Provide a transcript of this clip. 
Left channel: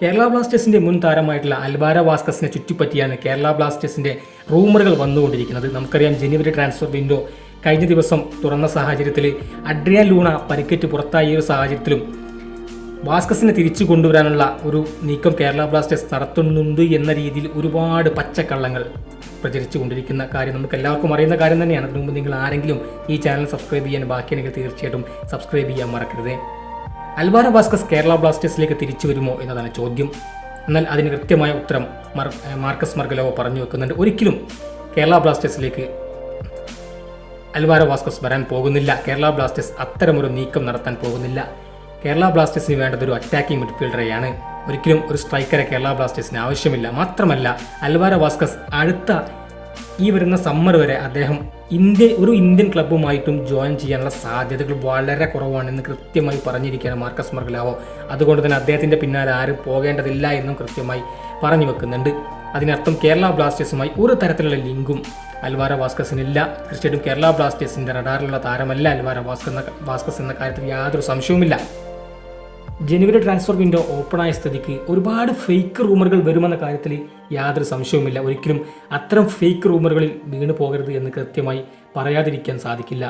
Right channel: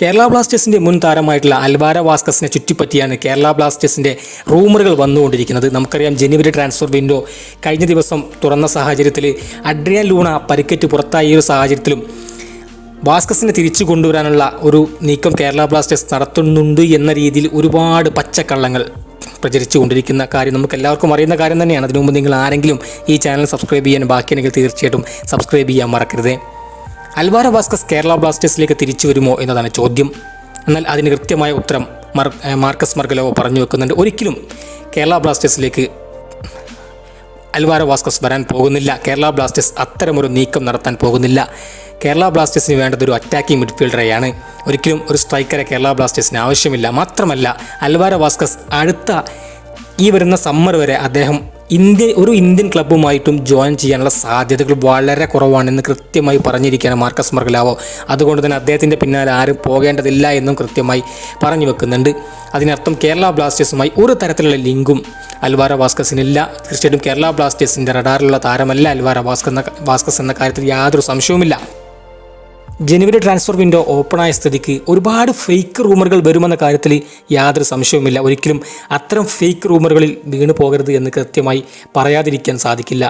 കേരള ബ്ലാസ്റ്റേഴ്സിൻ്റെ മുൻ താരമായിട്ടുള്ള അൽവാരോ വാസ്കസിനെ ചുറ്റിപ്പറ്റിയാണ് കേരള ബ്ലാസ്റ്റേഴ്സിൻ്റെ റൂമറുകൾ വന്നുകൊണ്ടിരിക്കുന്നത്. നമുക്കറിയാം, ജനുവരി ട്രാൻസ്ഫർ വിൻഡോ കഴിഞ്ഞ ദിവസം തുറന്ന സാഹചര്യത്തിൽ അഡ്രിയാൻ ലൂണ പരിക്കേറ്റ് പുറത്തായ ഒരു സാഹചര്യത്തിലും വാസ്കസിനെ തിരിച്ചു കൊണ്ടുവരാനുള്ള ഒരു നീക്കം കേരള ബ്ലാസ്റ്റേഴ്സ് നടത്തുന്നുണ്ട് എന്ന രീതിയിൽ ഒരുപാട് പച്ചക്കള്ളങ്ങൾ പ്രചരിച്ചുകൊണ്ടിരിക്കുന്ന കാര്യം നമുക്ക് എല്ലാവർക്കും അറിയുന്ന കാര്യം തന്നെയാണ്. അതിനു മുമ്പ് നിങ്ങൾ ആരെങ്കിലും ഈ ചാനൽ സബ്സ്ക്രൈബ് ചെയ്യാൻ ബാക്കിയുണ്ടെങ്കിൽ തീർച്ചയായിട്ടും സബ്സ്ക്രൈബ് ചെയ്യാൻ മറക്കരുത്. അൽവാരോ വാസ്കസ് കേരള ബ്ലാസ്റ്റേഴ്സിലേക്ക് തിരിച്ചു വരുമോ എന്നതാണ് ചോദ്യം. എന്നാൽ അതിന് കൃത്യമായ ഉത്തരം മാർക്കസ് മർഗലോവോ പറഞ്ഞു വെക്കുന്നുണ്ട്. ഒരിക്കലും കേരള ബ്ലാസ്റ്റേഴ്സിലേക്ക് അൽവാരോ വാസ്കസ് വരാൻ പോകുന്നില്ല. കേരള ബ്ലാസ്റ്റേഴ്സ് അത്തരമൊരു നീക്കം നടത്താൻ പോകുന്നില്ല. കേരള ബ്ലാസ്റ്റേഴ്സിന് വേണ്ടത് ഒരു അറ്റാക്കിംഗ് മിഡ്ഫീൽഡറെയാണ്. ഒരിക്കലും ഒരു സ്ട്രൈക്കറെ കേരള ബ്ലാസ്റ്റേഴ്സിന് ആവശ്യമില്ല. മാത്രമല്ല, അൽവാരോ വാസ്കസ് അടുത്ത ഈ വരുന്ന സമ്മർ വരെ അദ്ദേഹം ഒരു ഇന്ത്യൻ ക്ലബ്ബുമായിട്ടും ജോയിൻ ചെയ്യാനുള്ള സാധ്യതകൾ വളരെ കുറവാണെന്ന് കൃത്യമായി പറഞ്ഞിരിക്കുകയാണ് മാർക്കസ് മർഗലോവോ. അതുകൊണ്ട് തന്നെ അദ്ദേഹത്തിൻ്റെ പിന്നാലെ ആരും പോകേണ്ടതില്ല എന്നും കൃത്യമായി പറഞ്ഞു വെക്കുന്നുണ്ട്. അതിനർത്ഥം കേരള ബ്ലാസ്റ്റേഴ്സുമായി ഒരു തരത്തിലുള്ള ലിങ്കും അൽവാരോ വാസ്കസിനില്ല. തീർച്ചയായിട്ടും കേരള ബ്ലാസ്റ്റേഴ്സിൻ്റെ റഡാറിലുള്ള താരമല്ല അൽവാരോ വാസ്കസ് എന്ന കാര്യത്തിൽ യാതൊരു സംശയവുമില്ല. ജനുവരി ട്രാൻസ്ഫർ വിൻഡോ ഓപ്പണായ സ്ഥിതിക്ക് ഒരുപാട് ഫേക്ക് റൂമറുകൾ വരുമെന്ന കാര്യത്തിൽ യാതൊരു സംശയവുമില്ല. ഒരിക്കലും അത്തരം ഫേക്ക് റൂമറുകളിൽ വീണു പോകരുത് എന്ന് കൃത്യമായി പറയാതിരിക്കാൻ സാധിക്കില്ല.